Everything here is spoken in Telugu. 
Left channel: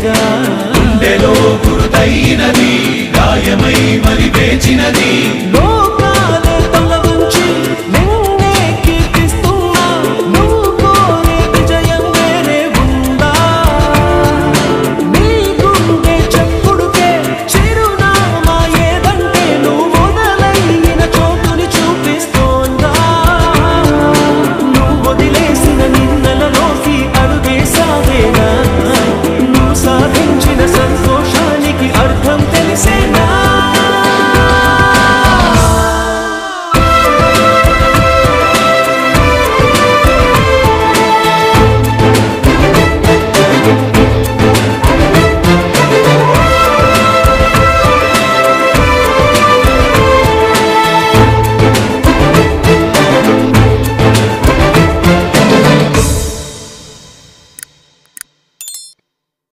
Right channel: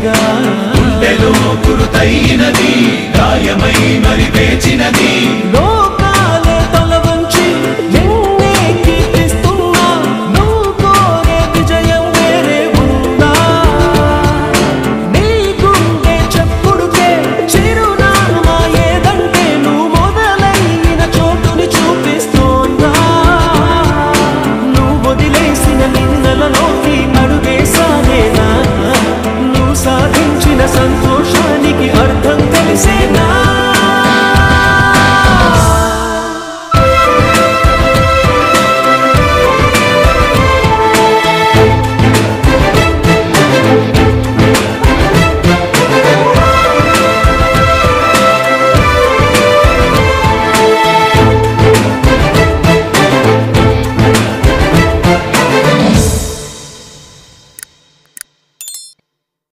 నీవేగా లోకాలే తల వంచి నిన్నే కీర్తిస్తున్నా నువ్వు కోరే విజయం వేరే ఉందా నీ గుండె చెప్పుడుకే చిరునామా ఏదంటే నువ్వు మొదలైన చోటుని చూపిస్తోందా నువ్వు వదిలేసిన నిన్నలలోకి అడుగే సాగేనా నువ్వు సాధించిన సంతోషం